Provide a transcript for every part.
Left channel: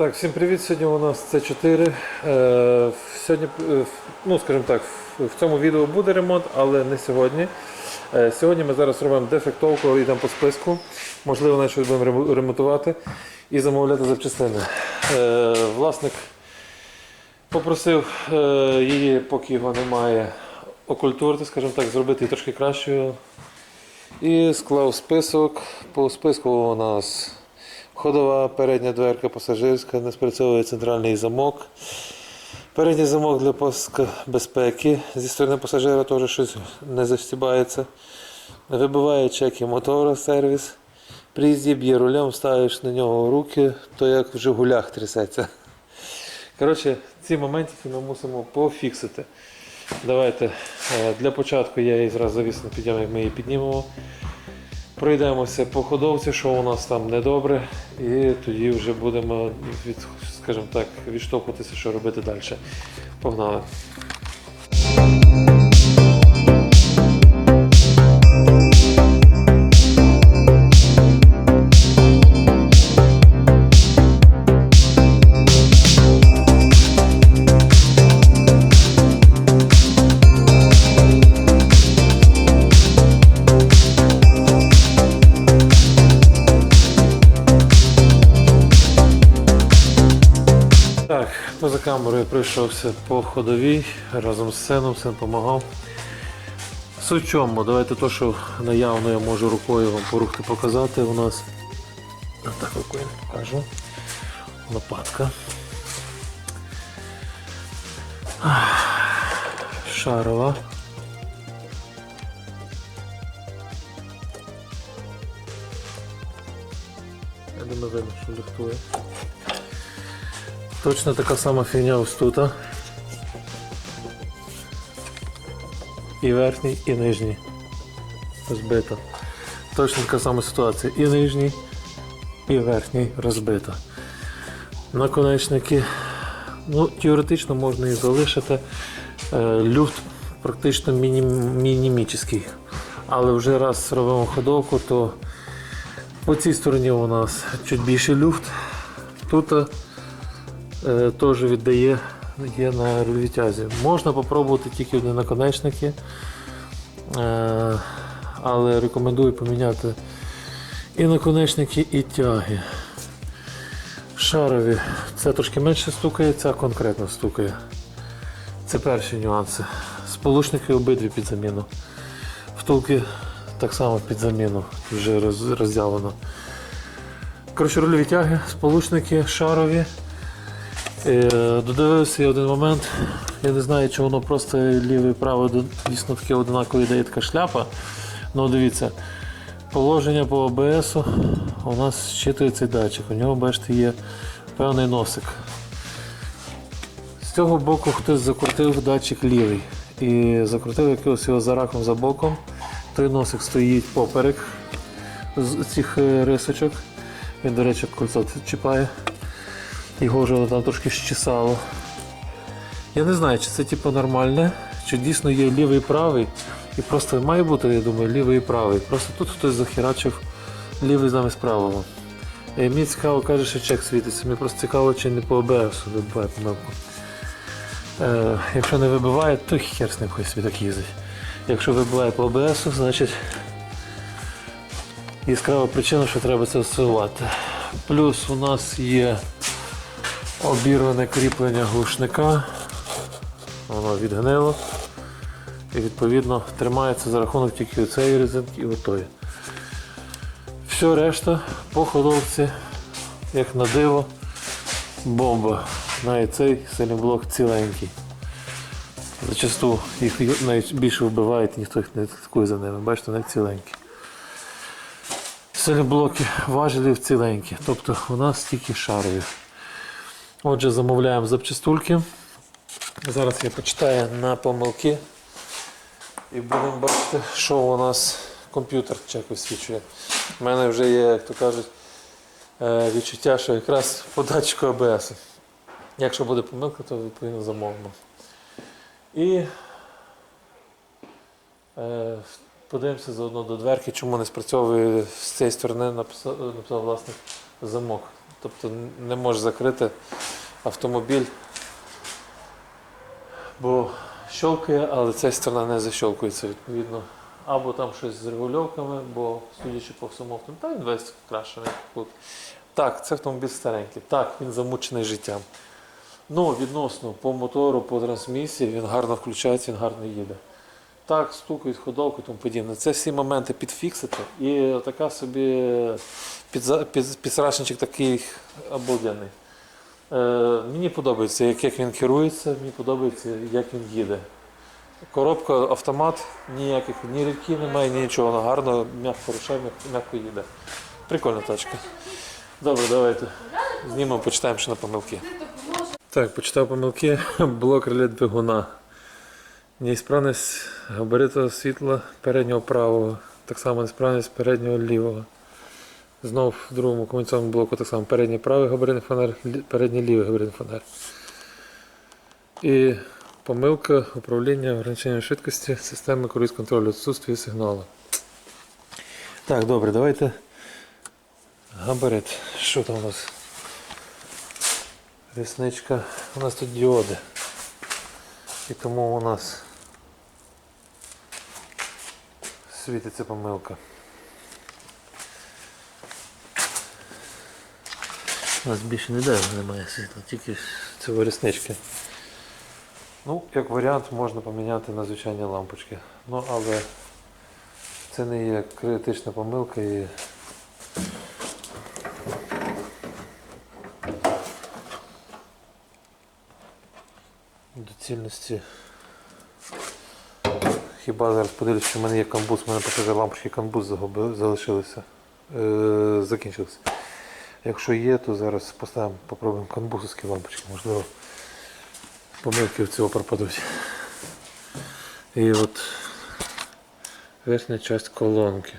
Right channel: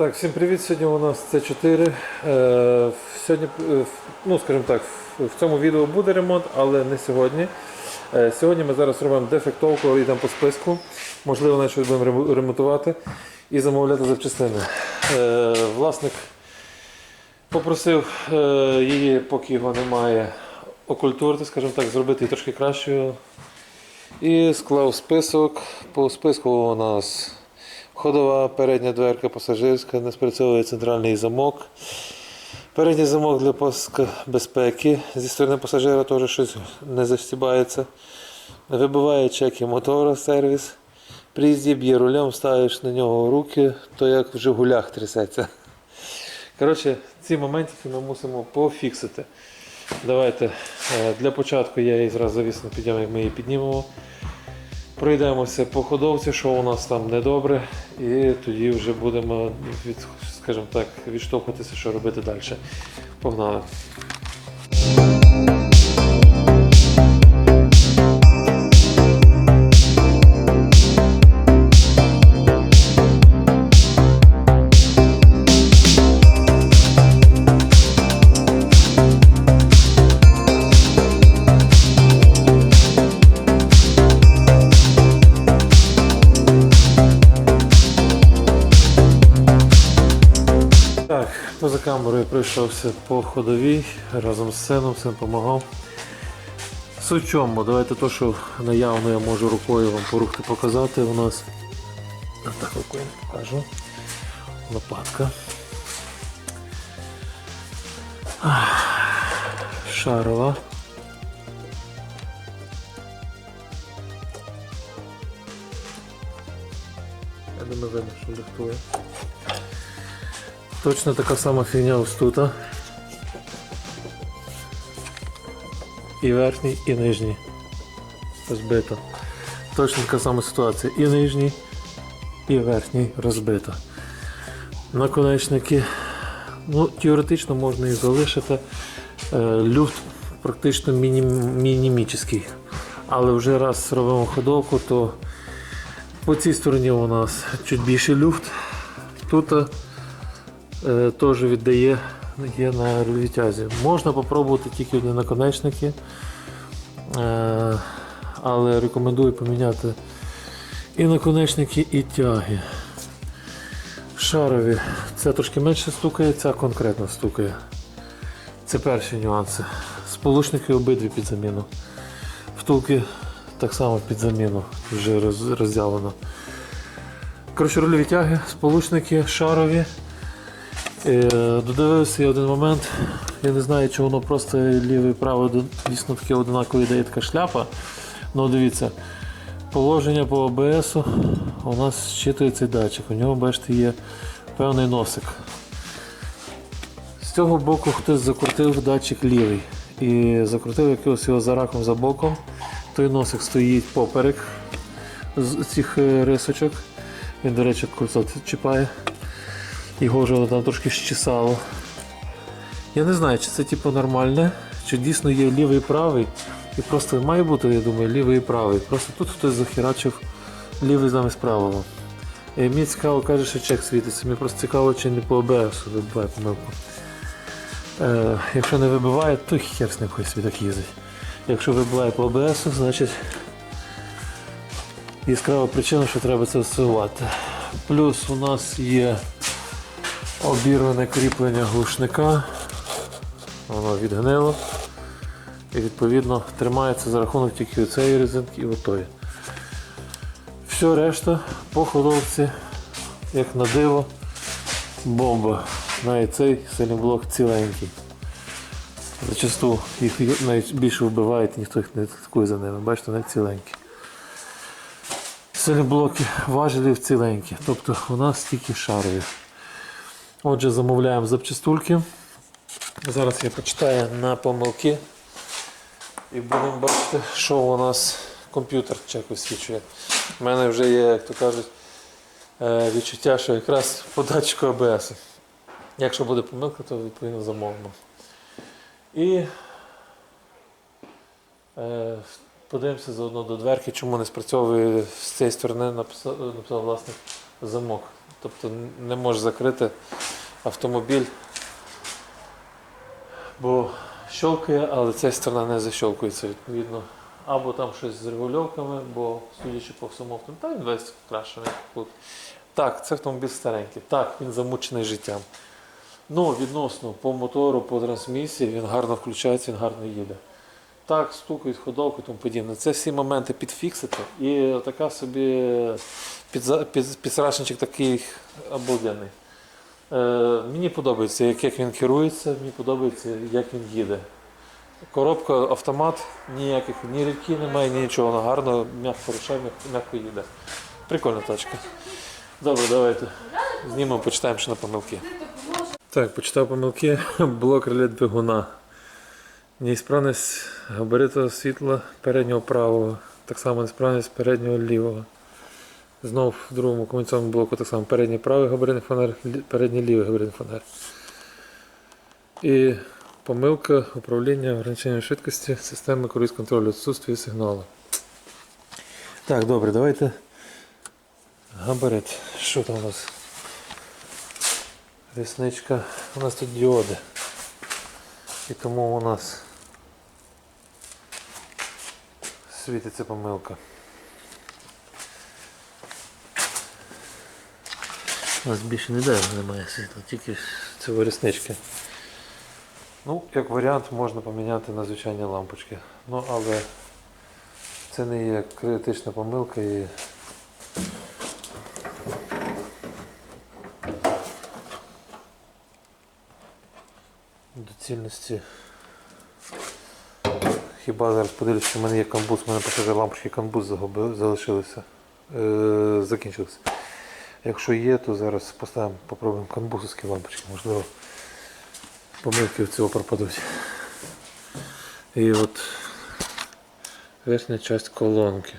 Так, всім привіт. Сьогодні у нас С4. Е, сьогодні, е, ну, скажімо так, в- цьому відео буде ремонт, але не сьогодні. Е, сьогодні ми зараз робимо дефектовку, йдемо по списку. Можливо, навіть щось будемо ремонтувати і замовляти запчастини. Власник попросив її, поки його немає, окультурити, скажімо так, зробити її трошки кращою. І склав список. По списку у нас ходова, передня дверка пасажирська, не спрацьовує центральний замок. Передній замок для безпеки. Зі сторони пасажира теж щось не застібається. Вибиває чеки мотора сервіс. При їзді б'є рулем, ставиш на нього руки, то як в Жигулях трясеться. Коротше, ці моментики ми мусимо пофіксити. Давайте е, для початку я її зразу завісно підійму, як ми її піднімемо. Пройдемося по ходовці, що у нас там недобре, і тоді вже будемо від, скажімо так, відштовхуватися, що робити далі. Погнали. Камерою пройшовся по ходовій разом з сином, син допомагав. Суть чому, давайте то, що наявно я можу рукою вам порухти показати. У нас так рукою покажу. Лопатка. Шарова. Я думаю, видно, що ліхтує. Точно така сама фігня ось тут. а. І верхній, і нижній. Розбито. Точно така сама ситуація. І нижній, і верхній розбито. Наконечники. Ну, теоретично можна і залишити. Е, Люфт практично мінім, мінімічний. Але вже раз робимо ходовку, то по цій стороні у нас чуть більший люфт. Тут е, теж віддає є на відтязі. Можна спробувати тільки одні наконечники, е, але рекомендую поміняти і наконечники, і тяги. Шарові. Це трошки менше стукає, ця конкретно стукає. Це перші нюанси. Сполучники обидві під заміну. Втулки так само під заміну, вже роз, розділено. Коротше, рульові тяги, сполучники шарові. Е, Додивився один момент. Я не знаю, чи воно просто ліве і праве дійсно таке одинаково дає така шляпа. Ну дивіться, положення по ОБС у нас щитує цей датчик. У нього, бачите, є певний носик. З цього боку хтось закрутив датчик лівий і закрутив якогось його за раком за боком. Той носик стоїть поперек з цих е, рисочок. Він, до речі, кольцо чіпає. Його вже там трошки щесало. Я не знаю, чи це типу нормальне, чи дійсно є лівий і правий. І просто має бути, я думаю, лівий і правий. Просто тут хтось захерачив лівий замість правого. І мені цікаво, каже, що чек світиться. Мені просто цікаво, чи не по ОБС вибиває помилку. Е, якщо не вибиває, то хер з ним хай собі так їздить. Якщо вибиває по ОБС, значить яскрава причина, що треба це всувати. Плюс у нас є обірване кріплення глушника. Воно відгнило. І відповідно тримається за рахунок тільки цієї резинки і отої. Все решта по ходовці, як на диво, бомба. Навіть цей силіблок ціленький. Зачасту їх навіть більше вбивають, ніхто їх не слідкує за ними. Бачите, навіть ціленькі. Силіблоки важелів ціленькі, тобто у нас тільки шарові. Отже, замовляємо запчастульки. Зараз я почитаю на помилки. І будемо бачити, що у нас комп'ютер чек висвічує. У мене вже є, як то кажуть, е, відчуття, що якраз по датчику АБС. Якщо буде помилка, то відповідно замовимо. І е, подивимося заодно до дверки, чому не спрацьовує з цієї сторони написав, написав власник замок. Тобто не можеш закрити автомобіль, бо щелкає, але ця сторона не защелкується відповідно. Або там щось з регульовками, бо судячи по всьому автомобілю, та він весь крашений тут. Так, це автомобіль старенький. Так, він замучений життям. Ну, відносно по мотору, по трансмісії, він гарно включається, він гарно їде. Так, стукають ходовку і тому подібне. Це всі моменти підфіксити. І така собі під, такий обалденний. Е, мені подобається, як, як він керується, мені подобається, як він їде. Коробка, автомат, ніяких ні рідки немає, ні нічого. Вона гарно, м'яко рушає, м'яко їде. Прикольна тачка. Добре, давайте. Знімемо, почитаємо ще на помилки. Так, почитав помилки. Блок реле двигуна. Неісправність габариту світла переднього правого. Так само несправність переднього лівого. Знов в другому комунікаційному блоку так само передній правий габаритний фонар, передній лівий габаритний фонар. І помилка управління ограниченням швидкості системи круїз контролю відсутствие сигналу. Так, добре, давайте. Габарит. Що там у нас? Рісничка. У нас тут діоди. І тому у нас світиться помилка. У нас більше ніде немає світла, тільки це ріснички. Ну, як варіант, можна поміняти на звичайні лампочки. Ну, але це не є критична помилка і доцільності. Хіба зараз подивлюсь, що в мене є камбуз, у мене покаже лампочки камбуз залишилися. Е, закінчилися. Якщо є, то зараз поставимо, попробуємо камбузовські лампочки, можливо, помилки в цього пропадуть. І от верхня частина колонки.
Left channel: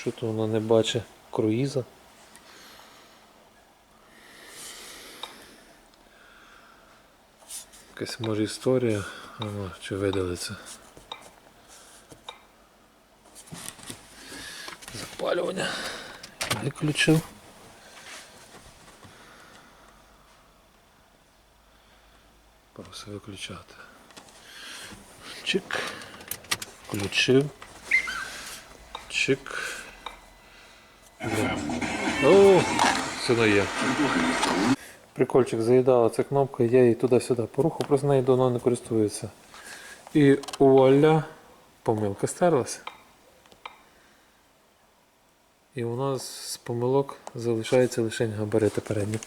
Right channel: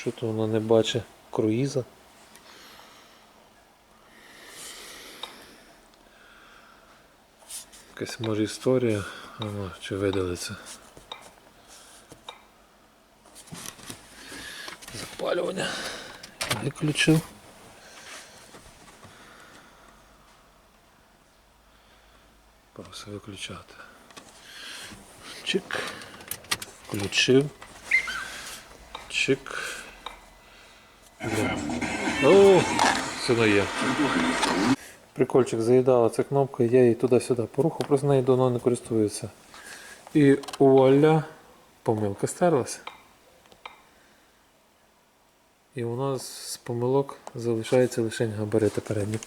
Що то воно не бачить круїза. Якась може історія, Ага, чи видалиться. Запалювання. Виключив. Просто виключати. Чик. Включив. Чик. О, все є. Прикольчик заїдала ця кнопка, я її туди-сюди порухав, просто нею давно не користується. І вуаля, помилка стерлася. І у нас з помилок залишається лише габарити передні.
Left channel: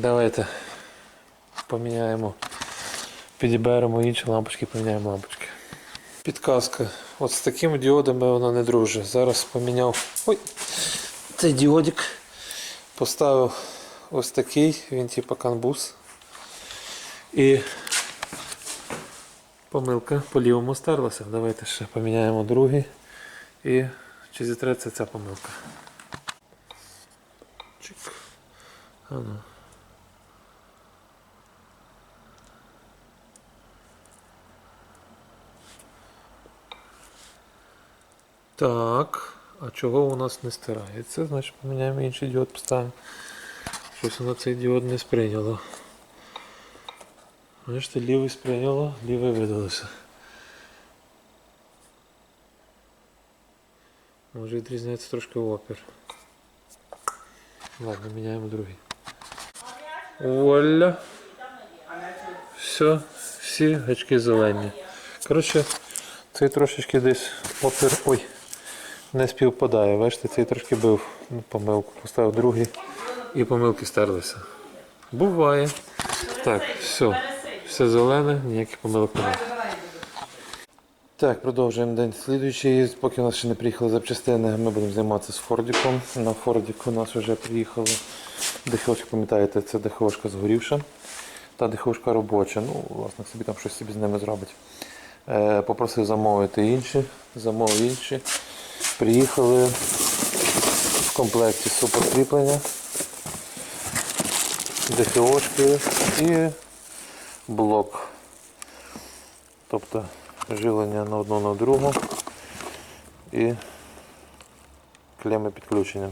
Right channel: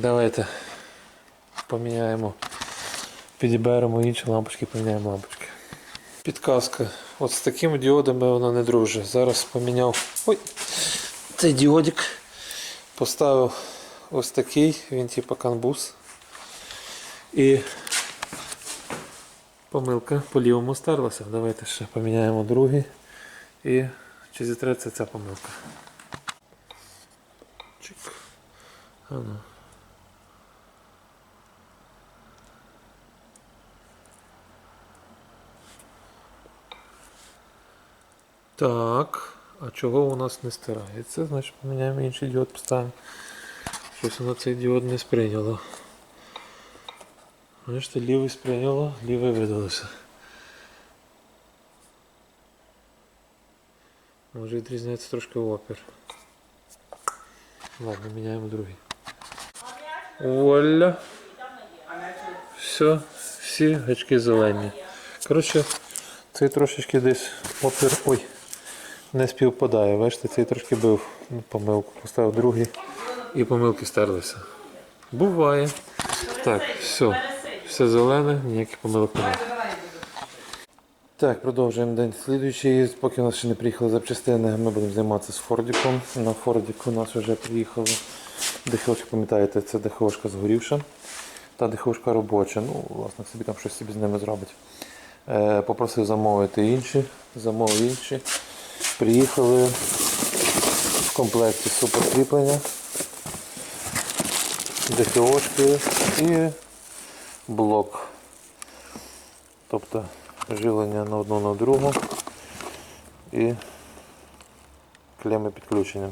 Давайте поміняємо, підіберемо інші лампочки, поміняємо лампочки. Підказка. От з такими діодами вона не дружить. Зараз поміняв ой, цей діодик. Поставив ось такий, він типу канбус. І помилка по лівому стерлася. Давайте ще поміняємо другий. І чи зітреться ця помилка. Чик. А ну. Так, а чого у нас не стирається? Значить поміняємо інший діод, поставимо. Щось воно цей діод не сприйняло. Бачите, лівий сприйняло, лівий видалося. Може відрізняється трошки опір. Ладно, міняємо другий. Вуаля. Все, всі гачки зелені. Коротше, цей трошечки десь опір. Ой, не співпадає. Бачите, цей трошки бив ну, помилку. Поставив другий і помилки стерлися. Буває. Так, все. Все зелене, ніяких помилок немає. Так, продовжуємо день слідуючий. Поки у нас ще не приїхали запчастини, ми будемо займатися з Фордіком. На Фордіку у нас вже приїхало ДХОшка, пам'ятаєте, це ДХОшка згорівша. Та ДХОшка робоча. Ну, власне, собі там щось собі з ними зробить. Е, попросив замовити інші, замовив інші. Приїхали в комплекті суперкріплення, ДХОшки і блок. Тобто живлення на одну на другу і клеми підключення.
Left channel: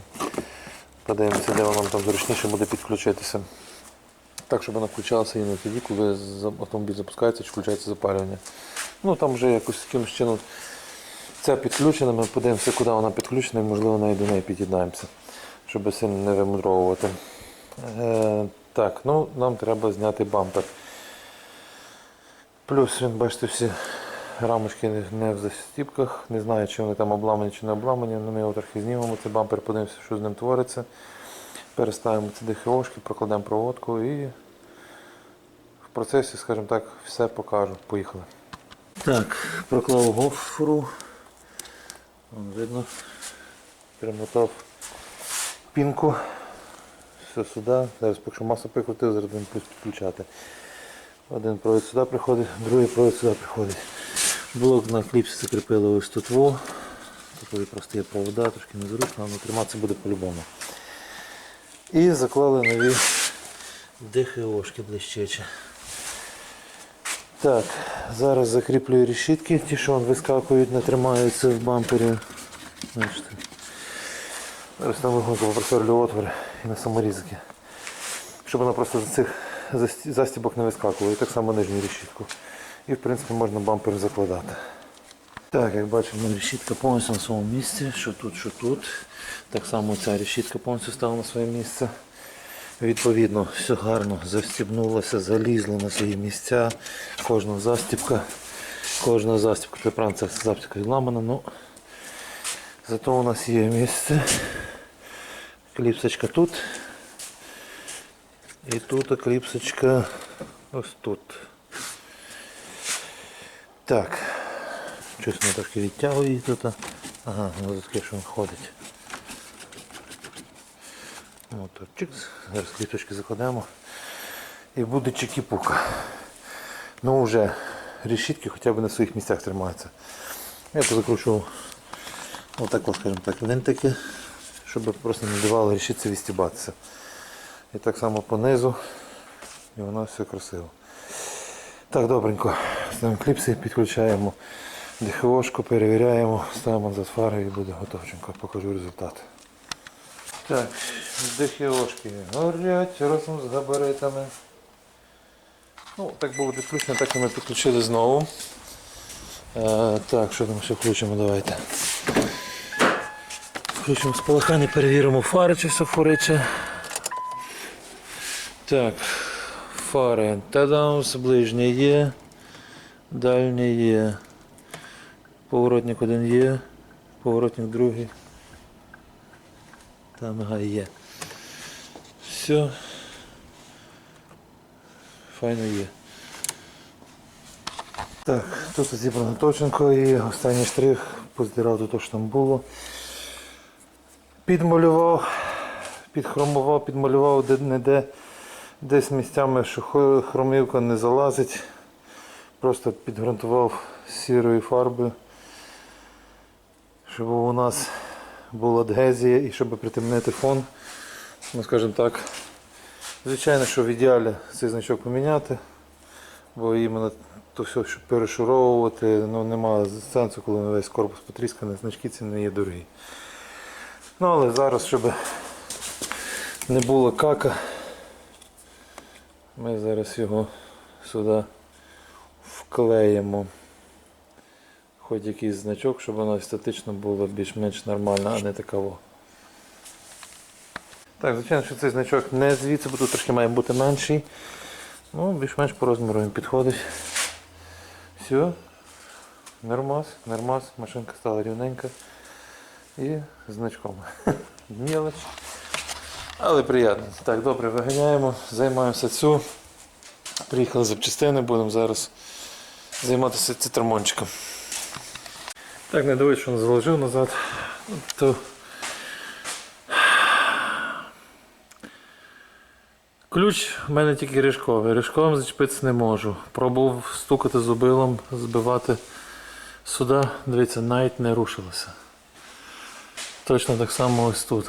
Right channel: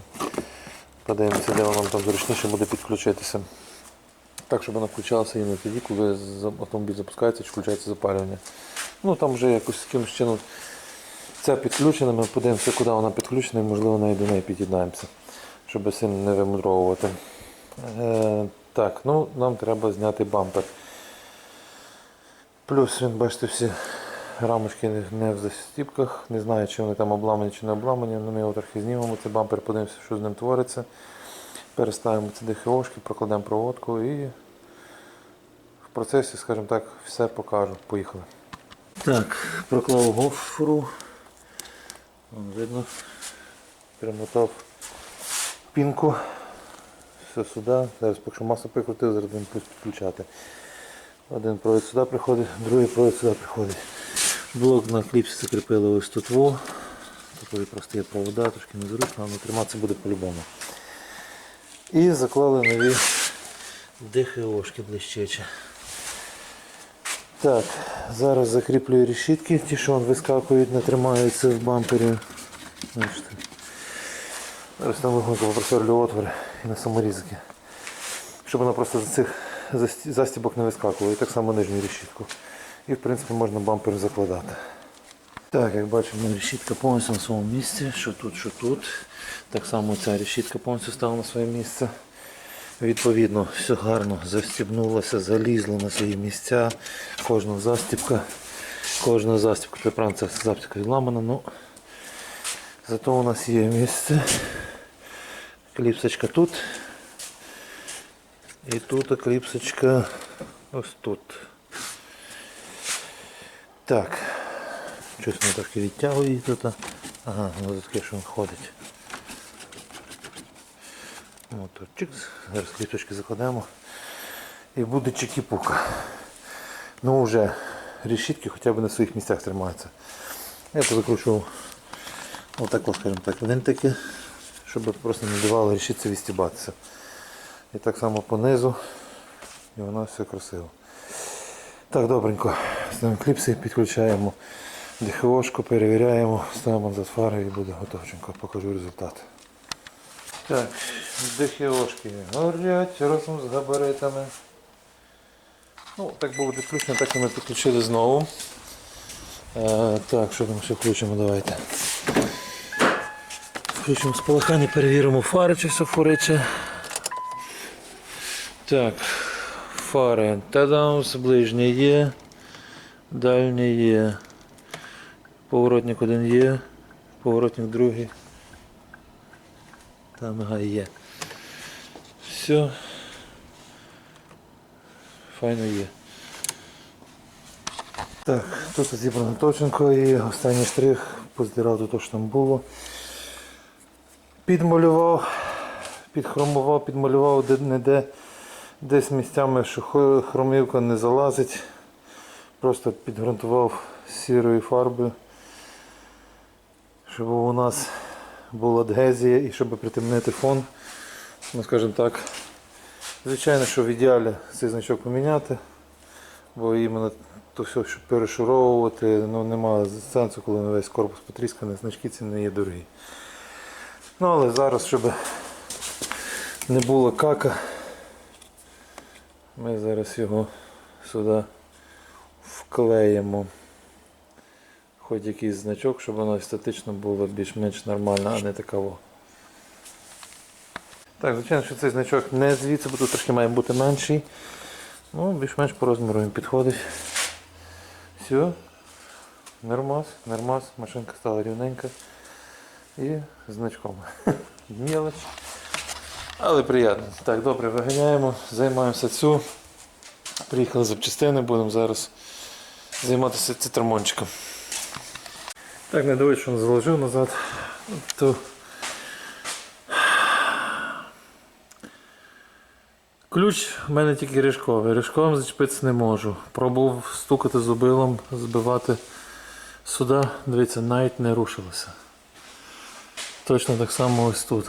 Подивимося, де воно там зручніше буде підключитися. Так, щоб вона включалася іменно тоді, коли автомобіль запускається чи включається запалювання. Ну там вже якось якимось чином це підключено, ми подивимося, куди вона підключена, і можливо навіть до неї під'єднаємося, щоб сильно не вимудровувати. Так, ну нам треба зняти бампер. Плюс він, бачите, всі рамочки не- в застіпках. Не знаю, чи вони там обламані чи не обламані, але ми його трохи знімемо. Цей бампер, подивимося, що з ним твориться. Переставимо ці ДХОшки, прокладемо проводку і в процесі, скажімо так, все покажу. Поїхали. Так, проклав гофру. Вон видно. Примотав пінку. Все сюди. Зараз поки що масу прикрутив, зараз будемо підключати. Один провід сюди приходить, другий провід сюди приходить. Блок на кліпсі закріпили ось тут во. Такої прості провода, трошки незручно, але триматися буде по-любому. І заклали нові ДХОшки блищечі. Так, зараз закріплюю решітки, ті, що вискакують, не тримаються в бампері. Зараз там легонько попросорлю отвори і на саморізики. Щоб вона просто з цих застібок не вискакувала. І так само нижню решітку. І в принципі можна бампер закладати. Так, як бачимо, решітка повністю на своєму місці, що тут, що тут. Так само ця решітка повністю стала на своє місце. Відповідно, все гарно застібнулося, залізло на свої місця. Кожна застібка, кожна застібка, правда, ця застібка відламана, ну зато у нас є місце. Кліпсочка тут. І тут кліпсочка ось тут. Так. Щось воно трошки відтягує тут. Ага, воно таке, що він ходить. Моторчик. Зараз кліпочки закладемо. І буде чекіпука. Ну вже решітки хоча б на своїх місцях тримаються. Я позакручував отак, скажімо так, винтики, щоб просто не давало решітці відстібатися. І так само понизу. І воно все красиво. Так, добренько. Ставимо кліпси, підключаємо ДХОшку, перевіряємо, ставимо за фари і буде готовченько. Покажу результат. Так, ДХОшки горять разом з габаритами. Ну, так було підключено, так і ми підключили знову. Е, так, що там ще включимо, давайте. Включимо спалахання, перевіримо фари, чи все фуриче. Так, фари. Тадаус, ближнє є, дальнє є. Поворотник один є, поворотник другий. Там ага, є. Все. Файно є. Так, тут зібрано точенько і останній штрих поздирав до того, що там було. Підмалював, підхромував, підмалював де-не-де. Десь місцями, що хромівка не залазить. Просто підґрунтував сірою фарбою, щоб у нас була адгезія і щоб притемнити фон. Ну, скажімо так. Звичайно, що в ідеалі цей значок поміняти, бо іменно то все, щоб перешуровувати, ну, немає сенсу, коли весь корпус потрісканий, значки ці не є дорогі. Ну, але зараз, щоб не було кака, ми зараз його сюди вклеїмо. Хоч якийсь значок, щоб воно естетично було більш-менш нормально, а не такого. Так, звичайно, що цей значок не звідси, бо тут трошки має бути менший. Ну, більш-менш по розміру він підходить. Все. Нормас, нормас, машинка стала рівненька. І значком. Мілоч. Але приємно. Так, добре, виганяємо, займаємося цю. Приїхали запчастини, будемо зараз займатися цитрамончиком. Так, не дивись, що він заложив назад. То... Ключ в мене тільки ріжковий. Ріжковим зачепитися не можу. Пробував стукати зубилом, збивати сюди. Дивіться, навіть не рушилося. Точно так само ось тут.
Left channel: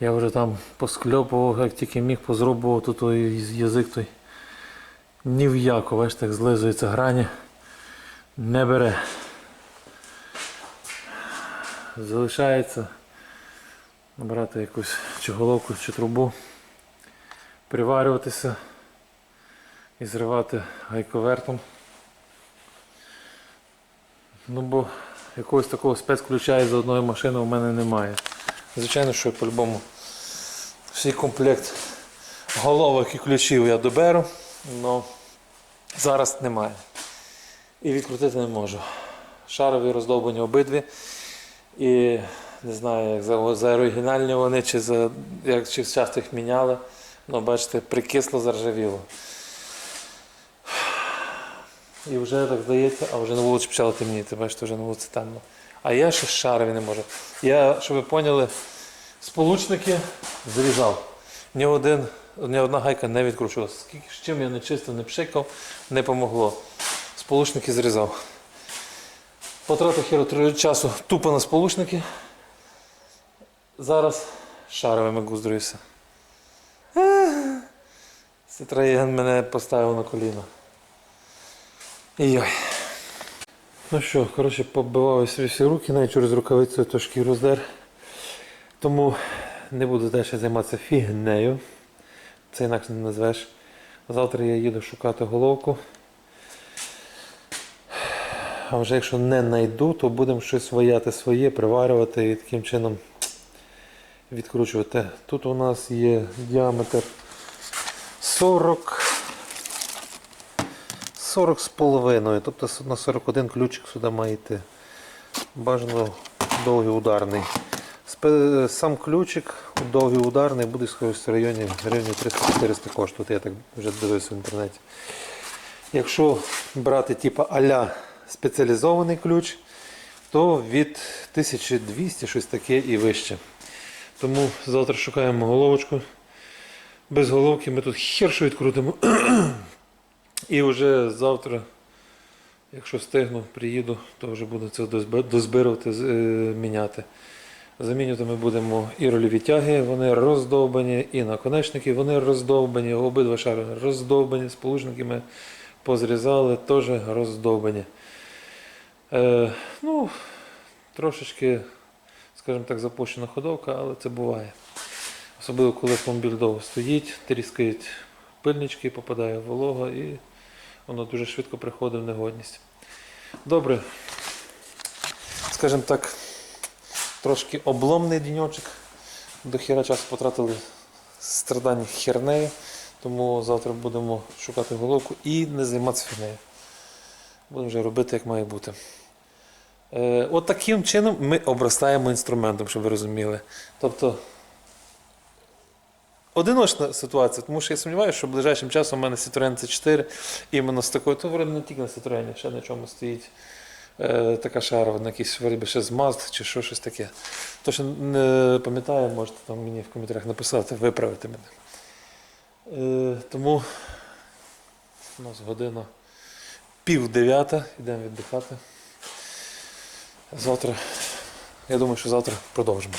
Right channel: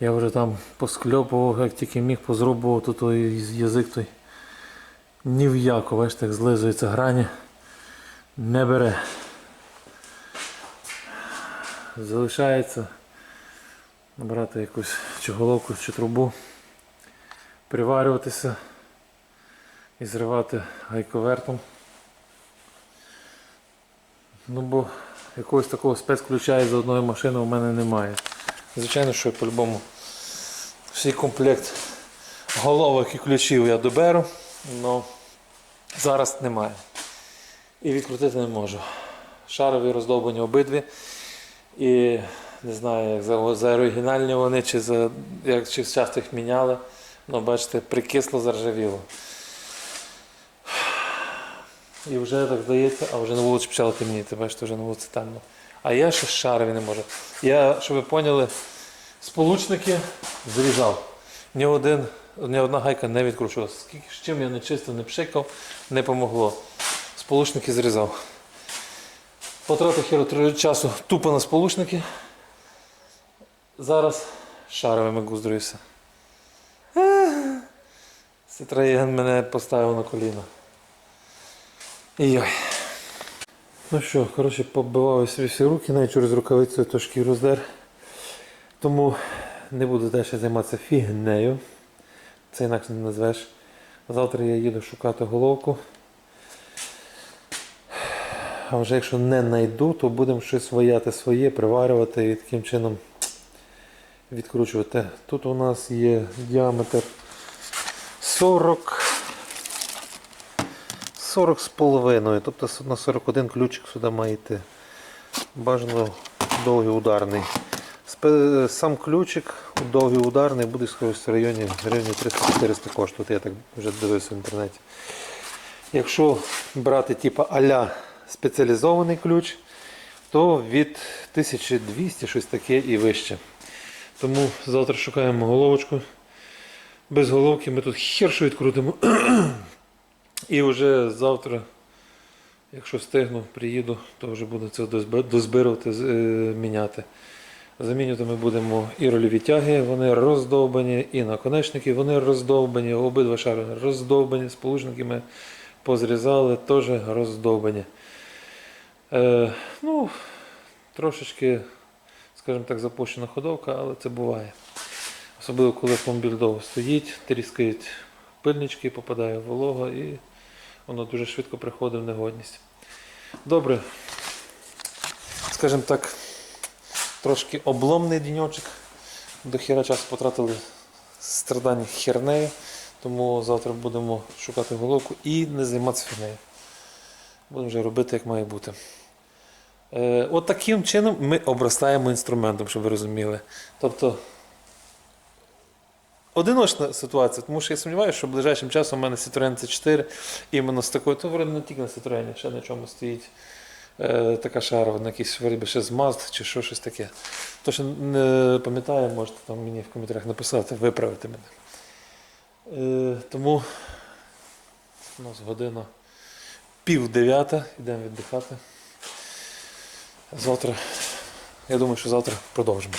Я вже там поскльопував, як тільки міг, позрубував тут той язик той. Ні в яку, бачите, як злизується грані. Не бере. Залишається набрати якусь чи головку, чи трубу, приварюватися і зривати гайковертом. Ну бо якогось такого спецключа із одної машини у мене немає. Звичайно, що по-любому всій комплект головок і ключів я доберу, але зараз немає. І відкрутити не можу. Шарові роздовбані обидві. І не знаю, як за, за оригінальні вони, чи за як чи часто їх міняли. Ну, бачите, прикисло, заржавіло. І вже так здається, а вже на вулиці почало темніти, бачите, вже на вулиці темно. А я ще шарові не можу. Я, щоб ви поняли, сполучники зрізав. Ні, один, ні одна гайка не відкручувалася. Скільки з чим я не чистив, не пшикав, не помогло. Сполучники зрізав. Потратив хіро часу тупо на сполучники. Зараз шаровими гуздруюся. Ситроєн мене поставив на коліна. Йой. Ну що, коротше, побивав собі всі руки, навіть через рукавицю то шкіру здер. Тому не буду далі займатися фігнею. Це інакше не назвеш. Завтра я їду шукати головку. А вже якщо не знайду, то будемо щось ваяти своє, приварювати і таким чином відкручувати. Тут у нас є діаметр 40. 40 з половиною, тобто на 41 ключик сюди має йти. Бажано довгий ударний. Сам ключик довгий ударний буде в районі гривні 300-400 коштувати, я так вже дивився в інтернеті. Якщо брати типу а-ля спеціалізований ключ, то від 1200 щось таке і вище. Тому завтра шукаємо головочку. Без головки ми тут хершу відкрутимо. І вже завтра, якщо встигну, приїду, то вже буду це дозбирувати, е, міняти. Замінювати ми будемо і рольові тяги, вони роздовбані, і наконечники, вони роздовбані, обидва шари роздовбані, сполучники ми позрізали, теж роздовбані. Е, ну, трошечки, скажімо так, запущена ходовка, але це буває. Особливо, коли автомобіль довго стоїть, тріскають пильнички, попадає волога і воно дуже швидко приходить в негодність. Добре. Скажімо так, трошки обломний діньочок. До хіра часу потратили страдань хернею, тому завтра будемо шукати головку і не займатися фігнею. Будемо вже робити, як має бути. Е, от таким чином ми обростаємо інструментом, щоб ви розуміли. Тобто одиночна ситуація, тому що я сумніваюся, що ближайшим часом у мене Citroen C4 іменно з такою, то вроде не тільки на Citroen, ще на чому стоїть е, така шарова, на якийсь вроде би ще з Mazda чи що, щось таке. То, що не пам'ятаю, можете там мені в коментарях написати, виправити мене. Е, тому у нас година пів дев'ята, йдемо віддихати. Завтра, я думаю, що завтра продовжимо.